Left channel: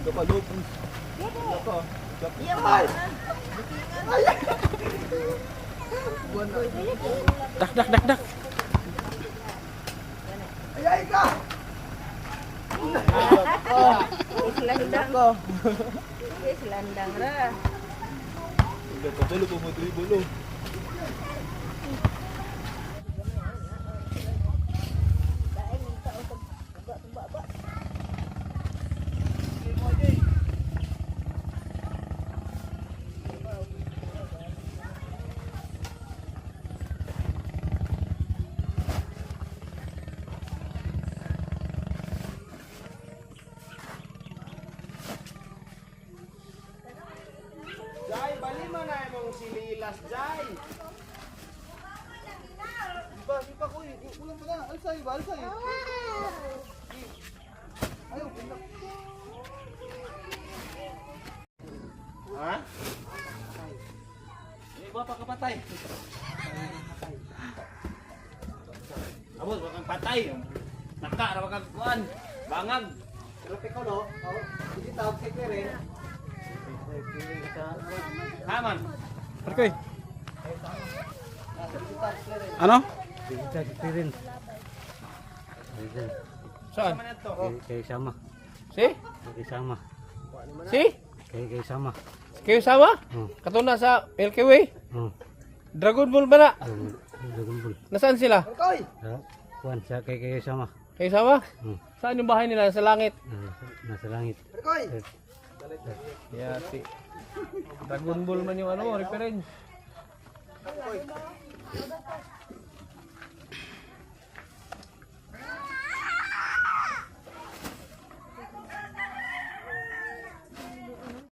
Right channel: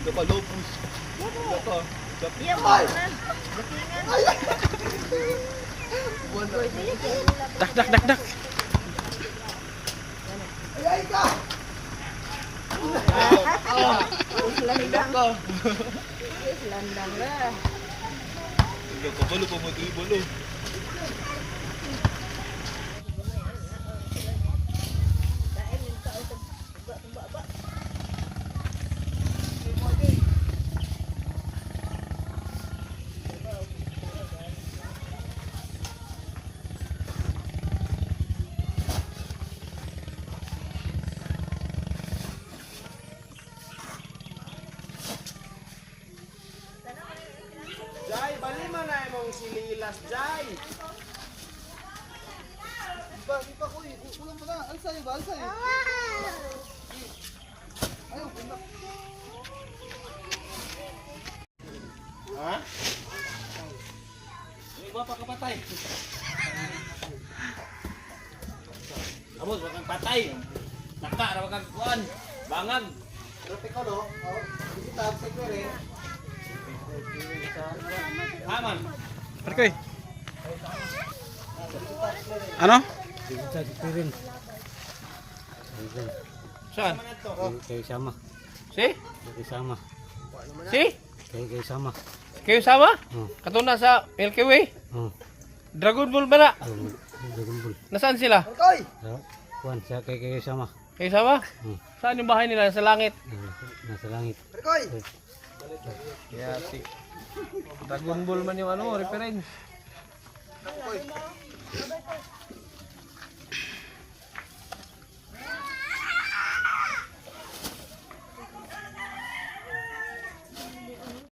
Daka lupus. Daka. Ay! Dak, dak, dak, dak. Ay ka! Daka. Landang na. Daka balo pa mo ito balo. Jai, bali mo na imong sililas, Jai. Iba ko eh. Ulang pa na. Alsa eh ba? Alsa eh. Ayaw, kunak. Ha? Iba pa kapatay. Amos, wag kang patay. Taka, wag kang kuan. Bangag. Grabe ko no? Hindi tawag sa kwere. Haman. Perkoy. Ano? Kita kipirin. Saan? Kayak sama. Si? Kayak sama. Si? Kayak sama. Kayo sama? Hmm. Katuna sa Milky Way? Hmm. Dragon Ball ba na? Dragon Ball. Nasaan sila? Koy! Kuan sa kayak sama. Kayo sama? Hmm. Saan yung bahay nila? Sa langit? Nasa langit. Koy! Yati. Dragon Ball man yung ano, reference.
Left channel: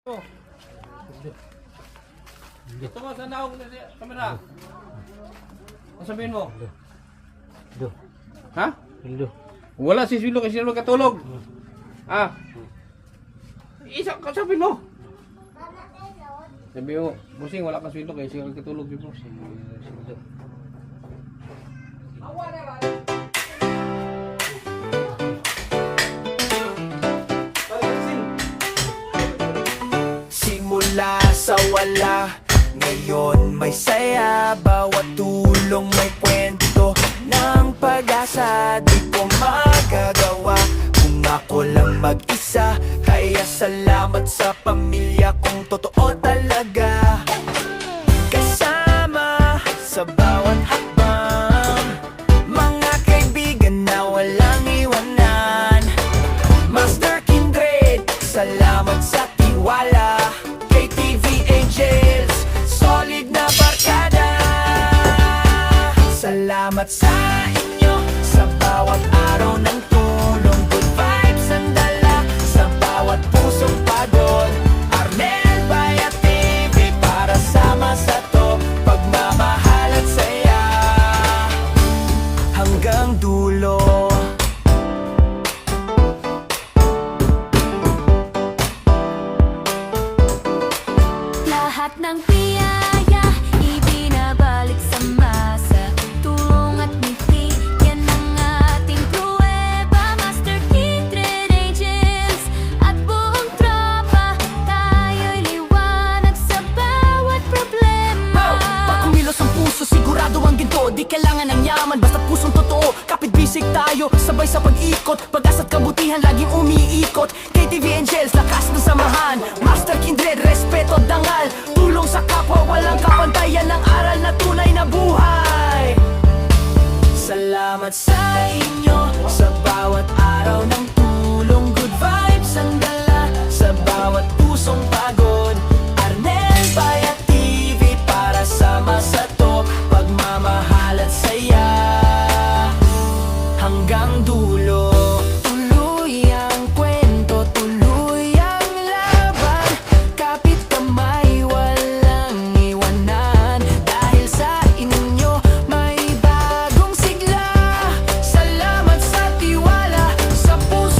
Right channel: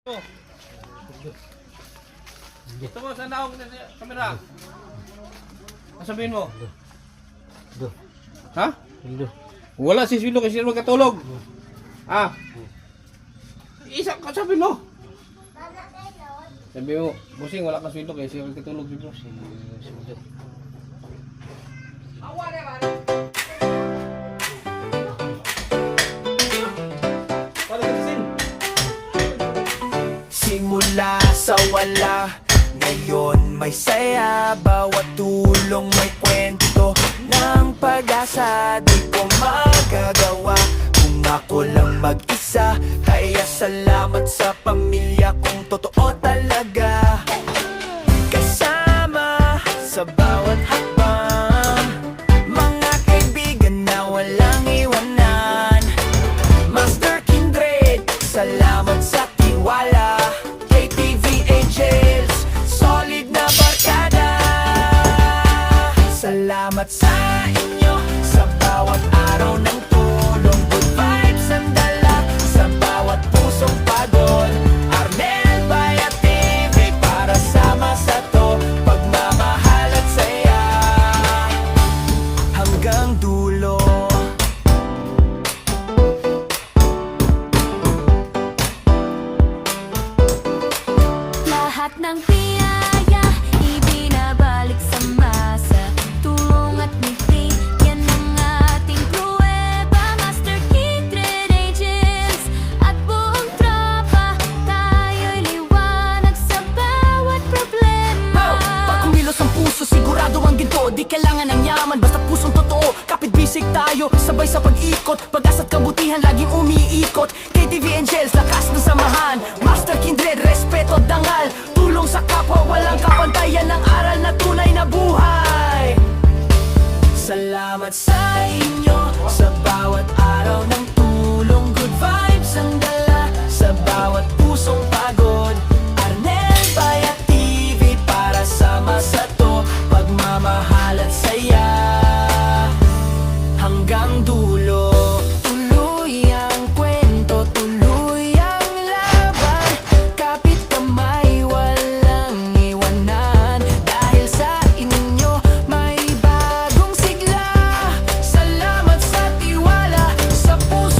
Oh. Ito mo, saan ako sa kamera? Ano sabihin mo? Do. Ha? Hildo. Wala si Swilo kasi sino katulog. Ah. Isa ka sabihin mo. Sabi mo, busing wala ka sweldo kaya siya katulog si boss. Hildo. Simula sa wala, ngayon may saya. Bawat tulong may kwento ng pag-asa. Di ko magagawa kung ako lang mag-isa. Kaya salamat sa pamilya kong totoo talaga. Kasama sa bawat hakbang, mga kaibigan na walang iwanan. Master Kindred, salamat sa tiwala. KTV Angels, solid na barkada. Salamat sa inyo sa bawat araw ng tulong. Good vibes ang dala sa bawat pusong pagod. Arnel Bayat TV para sama sa to. Pagmamahal at saya hanggang dulo. Lahat ng biyaya ibinabalik sa masa. Tulong at ngiti, yan ang ating pruweba. Master Kindred Angels at buong tropa, tayo'y liwanag sa bawat problema. Pag kumilos ang puso, sigurado ang ginto. Di kailangan ng yaman, basta pusong totoo. Kapit bisig tayo, sabay sa pag-ikot. Pag-asa't kabutihan, laging umiikot. KTV Angels, lakas ng samahan. Master Kindred, respeto, dangal. Tulong sa kapwa, walang kapantayan. Ng aral na tunay na buhay. Salamat sa inyo sa bawat araw ng tulong. Good vibes ang dala sa bawat pusong pagod. Arnel Bayat TV para sama sa to. Pagmamahal at saya hanggang dulo. Tuloy ang kwento, tuloy ang laban. Kapit kamay, walang iwanan. Dahil sa inyo may bagong sigla. Salamat sa tiwala sa puso.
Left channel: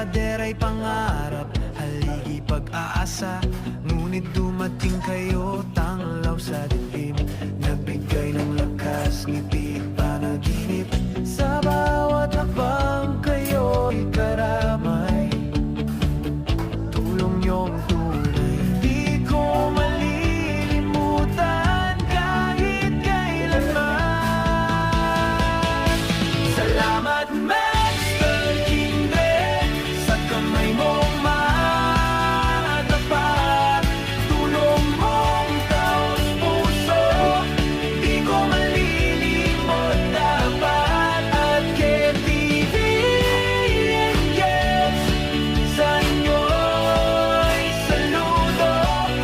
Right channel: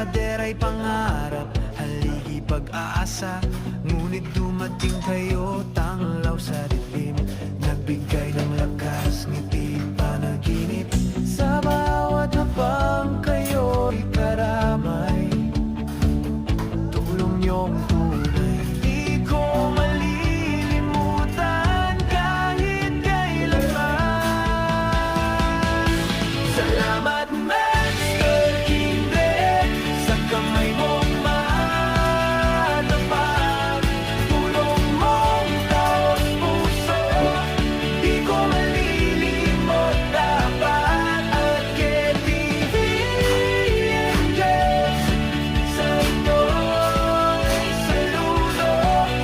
pader ay pangarap, haligi pag-aasa. Ngunit dumating kayo, tanglaw sa dilim. Nagbigay ng lakas, ngiti panaginip. Sa bawat hakbang kayo'y karamay, tulong niyong tunay, di ko malilimutan kahit kailanman. Salamat Master Kindred, sa kamay mong matapat, tulong mong taos puso, di ko malilimot dapat. At KTV Angels, sa inyo'y saludo.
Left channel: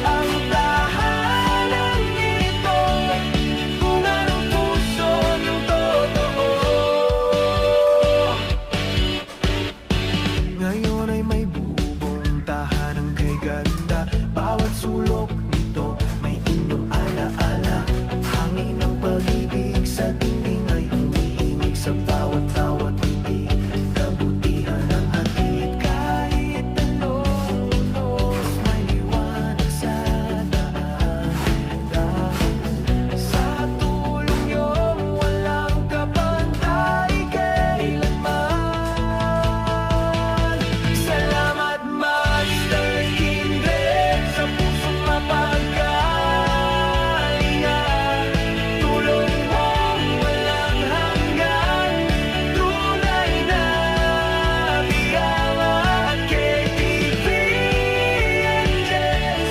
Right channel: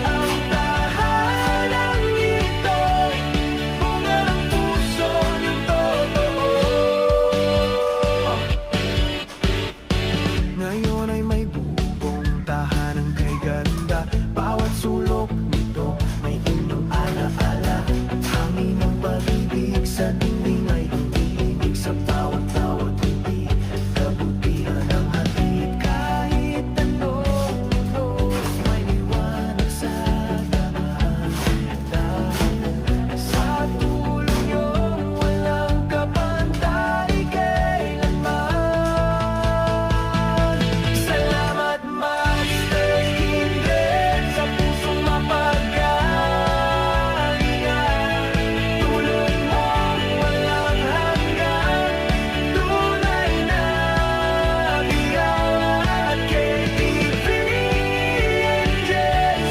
Ang tahanang ito'y bunga ng puso niyong totoo. Ngayon ay may bubong tahanang kay ganda. Bawat sulok nito may inyong alaala. Hangin ng pag-ibig sa dingding ay humihimik. Sa bawat titig, kabutihan ang hatid. Kahit anong unos, may liwanag sa daan. Dahil sa tulong niyong walang kapantay kailanman. Salamat Master Kindred, sa pusong mapagkalinga. Tulong mong walang hanggan, tunay na biyaya. At KTV Angels,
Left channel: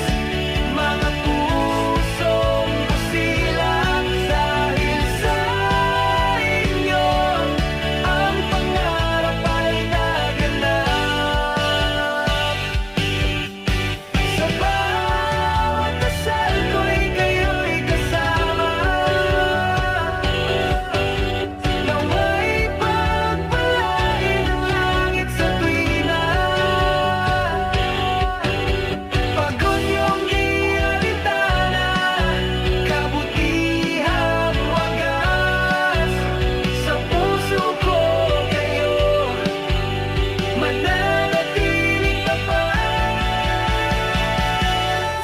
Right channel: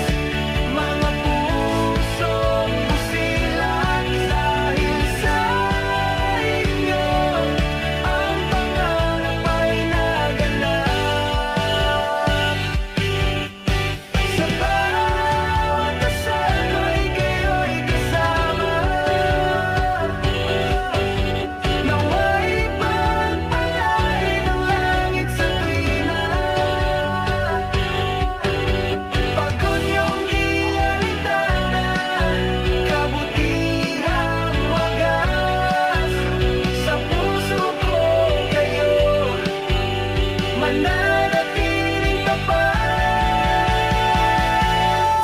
mga pusong busilak. Dahil sa inyo, ang pangarap ay naganap. Sa bawat dasal ko'y kayo'y kasama. Nawa'y pagpalain ang langit sa tuwina. Pagod niyong di alintana, kabutihang wagas. Sa puso ko kayo mananatiling tapat.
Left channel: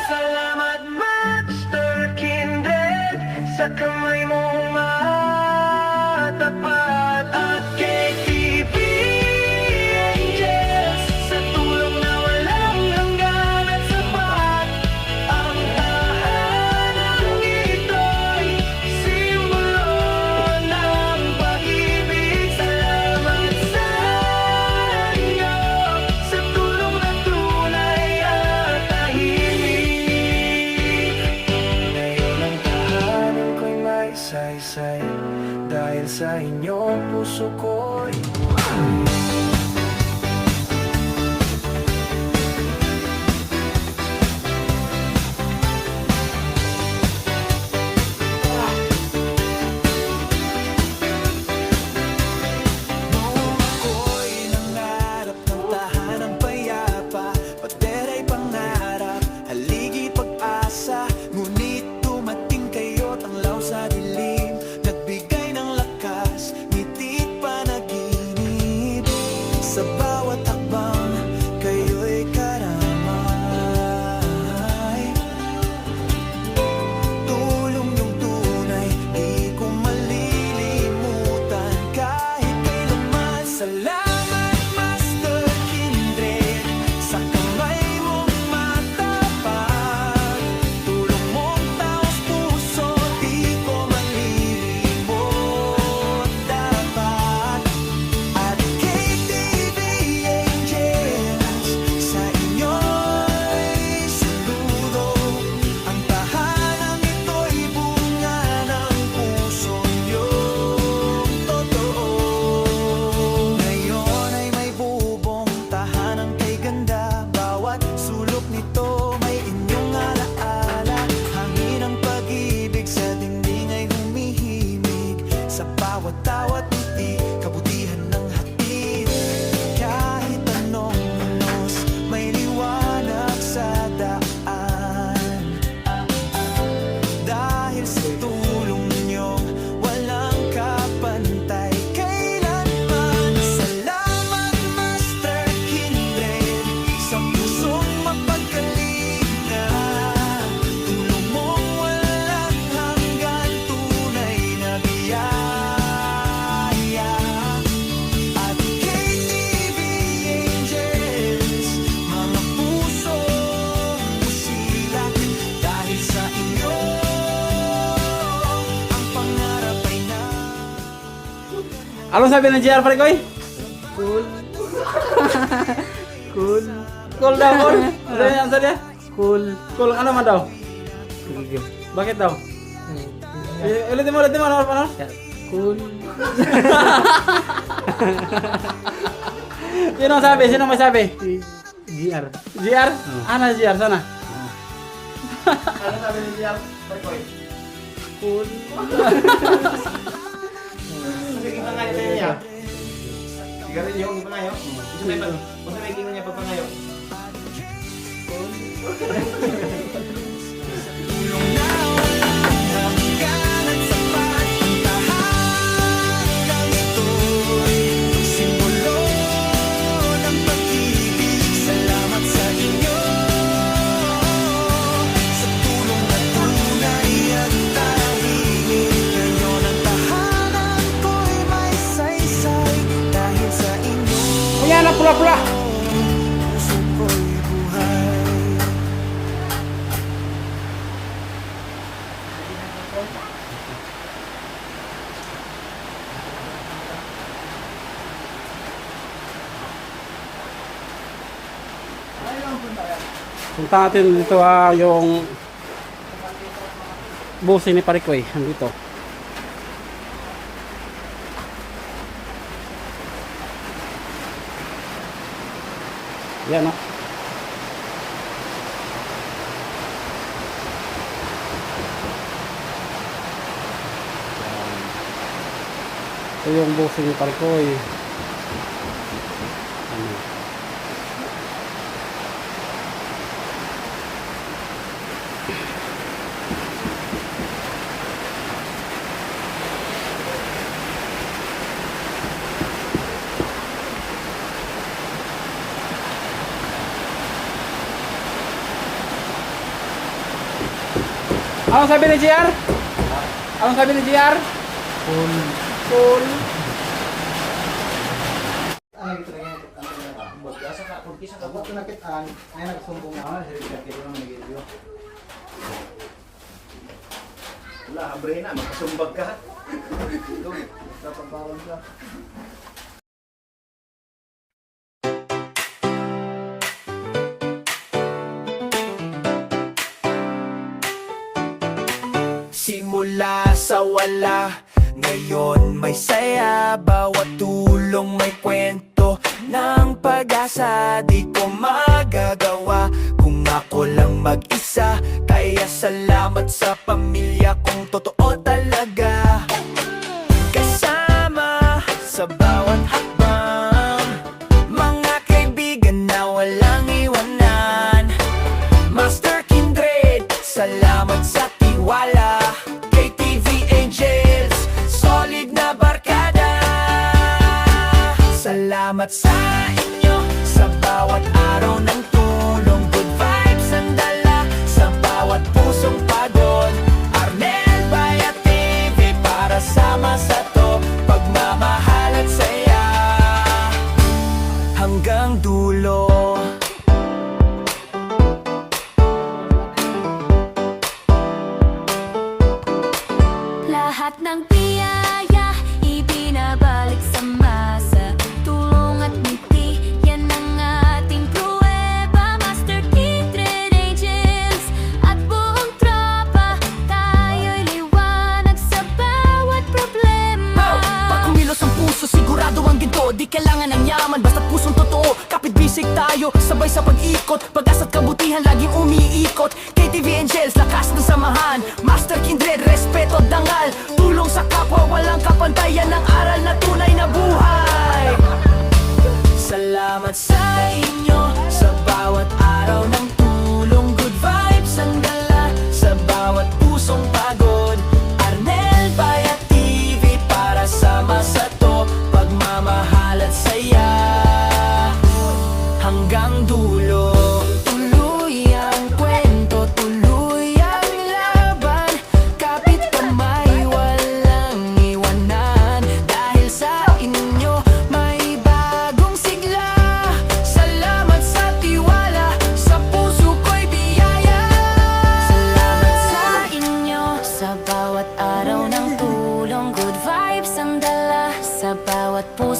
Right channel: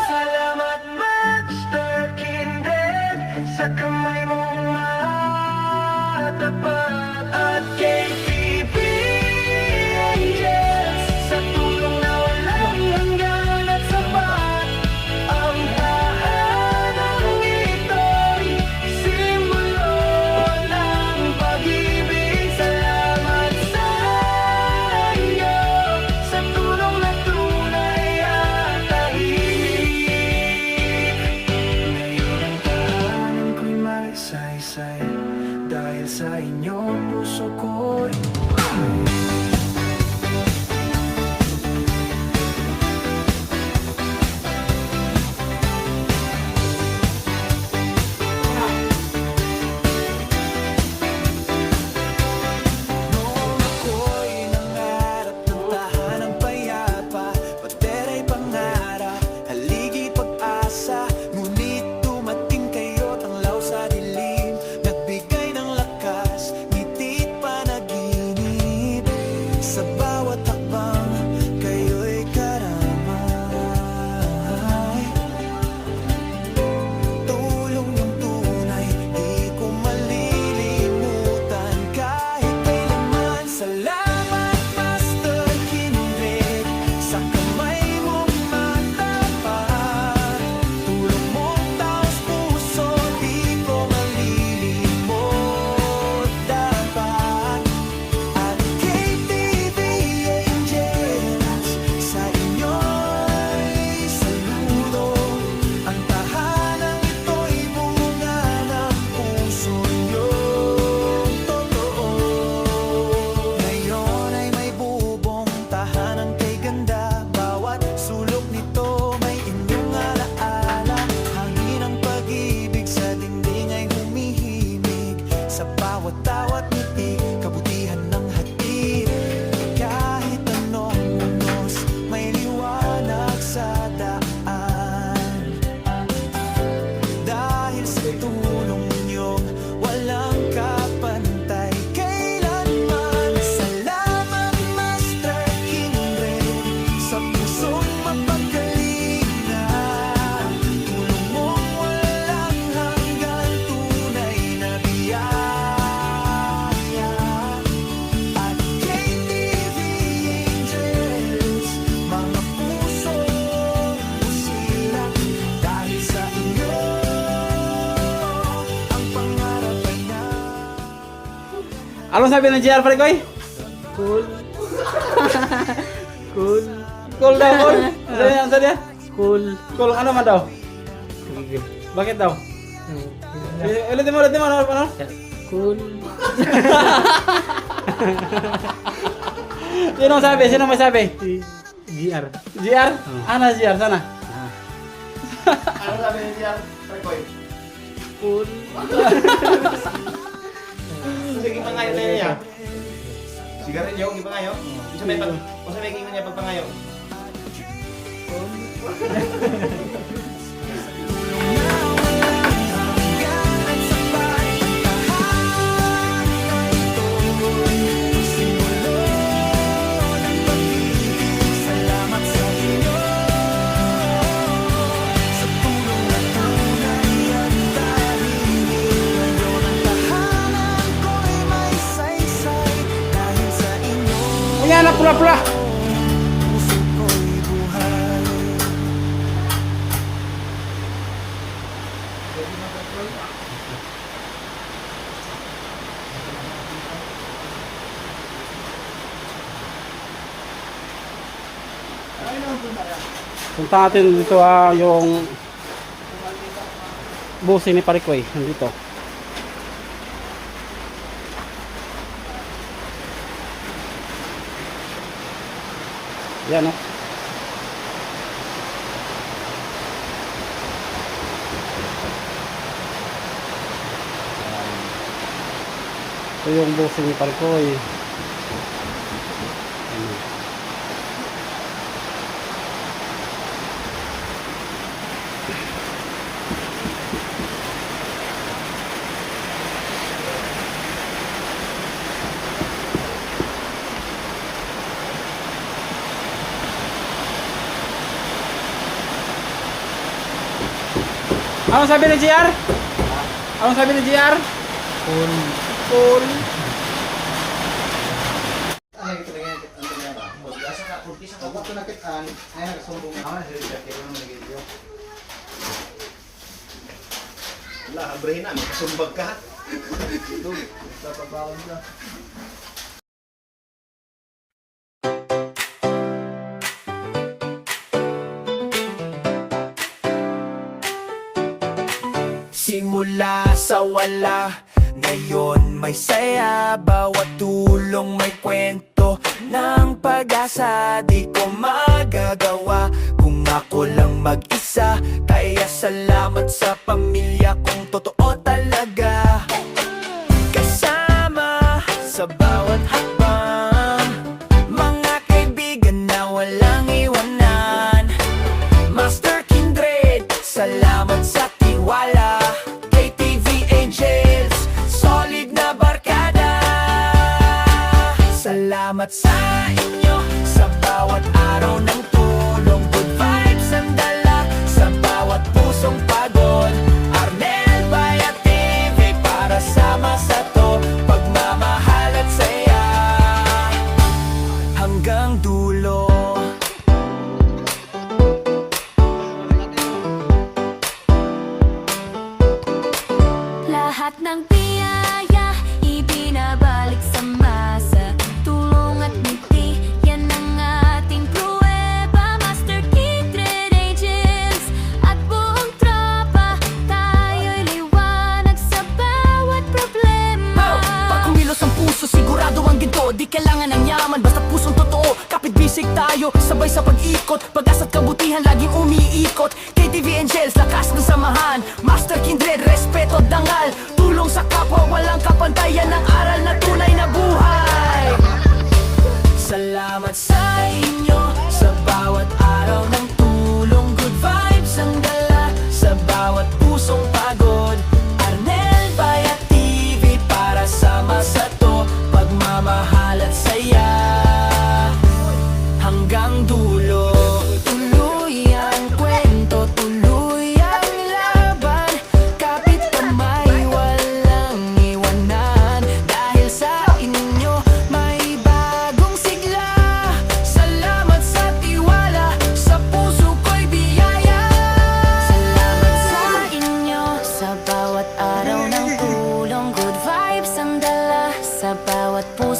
Salamat Master Kindred, sa kamay mong matapat. At KTV Angels, sa tulong na walang hanggan at sapat. Ang tahanang ito'y simbolo ng pag-ibig. Salamat sa inyo, sa tulong na tunay at tahimik. Ngayon ang tahanan ko'y may saysay. Dahil sa inyo, puso ko'y buhay. Noong ako'y nangarap ng tahanang payapa, pader ay pangarap, haligi pag-asa. Ngunit dumating kayo, tanglaw sa dilim. Nagbigay ng lakas, ngiti't panaginip. Sa bawat hakbang, kayo'y karamay. Tulong yung tunay, di ko malilimutan kahit kailanman. Salamat Master Kindred, sa kamay mong matapat. Tulong mong taos puso, di ko malilimot dapat. At KTV Angels, sa inyo'y saludo. Ang tahanang ito'y bunga ng puso niyong totoo. Ngayon ay may bubong tahanang kay ganda. Bawat sulok nito may inyong alaala. Hangin ng pag-ibig sa dingding ay humihimig. Sa bawat ngiti, kabutihan ng hatid. Kahit anong unos, may liwanag sa daan. Dahil sa tulong niyong walang kapantay kailanman. Salamat Master Kindred, Anong sabi ng JR, pare koy? Cool. Cool. Cool daw, cool. Ano sabi niya? Cool. Cool, ano man daw? Cool. Bakit daw? Ulitin mo, ano? Cool. Sino sabi? Sino may sabi? GR. JR? Ano JR? Sana? Ano sabi ni JR? Koy. Cool. Sige, pangayo tayo niya. Sigarilyo, yung pangayo. Gusto may kikita niya pagpangayo. Tulong na walang hanggan at sapat ang tahanang ito'y simbolo ng pag-ibig. Salamat sa inyo sa tulong na tunay at tahimik. Ngayon ang tahanan ko'y may saysay dahil sa inyo. O yan na, pula-pula. Puso ko'y buhay. Punta natin dito yung busing ni Parikoy. Nandito. Yan o. Ito yung busing ni Parikoy. Anong sabi ni JR? Anong sabi ni JR? Cool. Cool. Ano ito na yan? Kapag ito nakitaan, ay nagsumbong na. Wala, habrehin na. Magkasumbag ka. Napagbawan ka. Simula sa wala, ngayon may saya. Bawat tulong may kwento ng pag-asa. Di ko magagawa kung ako lang mag-isa. Kaya salamat sa pamilya kong totoo talaga. Kasama sa bawat hakbang, mga kaibigan na walang iwanan. Master Kindred, salamat sa tiwala. KTV Angels, solid na barkada. Salamat sa inyo sa bawat araw ng tulong. Good vibes ang dala sa bawat pusong pagod. Arnel Bayat TV para sama sa to. Pagmamahal at saya hanggang dulo. Lahat ng biyaya ibinabalik sa masa. Tulong at ngiti, yan ang ating pruweba. Master Kindred Angels at buong tropa, tayo'y liwanag sa bawat problema. Pag kumilos ang puso, sigurado ang ginto. Di kailangan ng yaman, basta pusong totoo. Kapit bisig tayo, sabay sa pag-ikot. Pag-asa't kabutihan, laging umiikot. KTV Angels, lakas ng samahan. Master Kindred, respeto, dangal. Tulong sa kapwa, walang kapantayan. Ng aral na tunay na buhay. Salamat sa inyo sa bawat araw ng tulong. Good vibes ang dala sa bawat pusong pagod. Arnel Bayat TV para sama sa to. Pagmamahal at saya hanggang dulo. Tuloy ang kwento, tuloy ang laban. Kapit kamay, walang iwanan. Dahil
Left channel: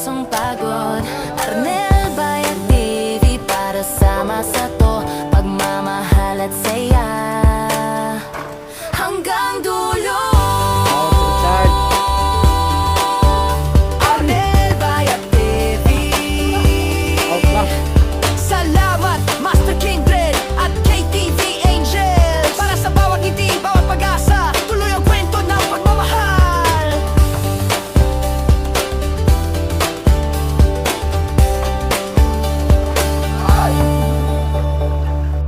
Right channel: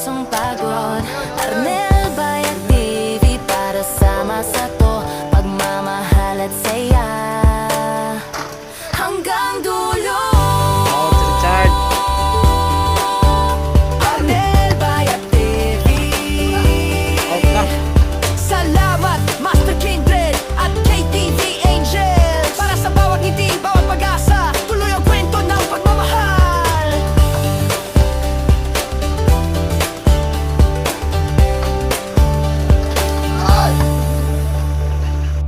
pusong pagod. Arnel Bayag TV para sama sa to, pagmamahal at saya hanggang dulo.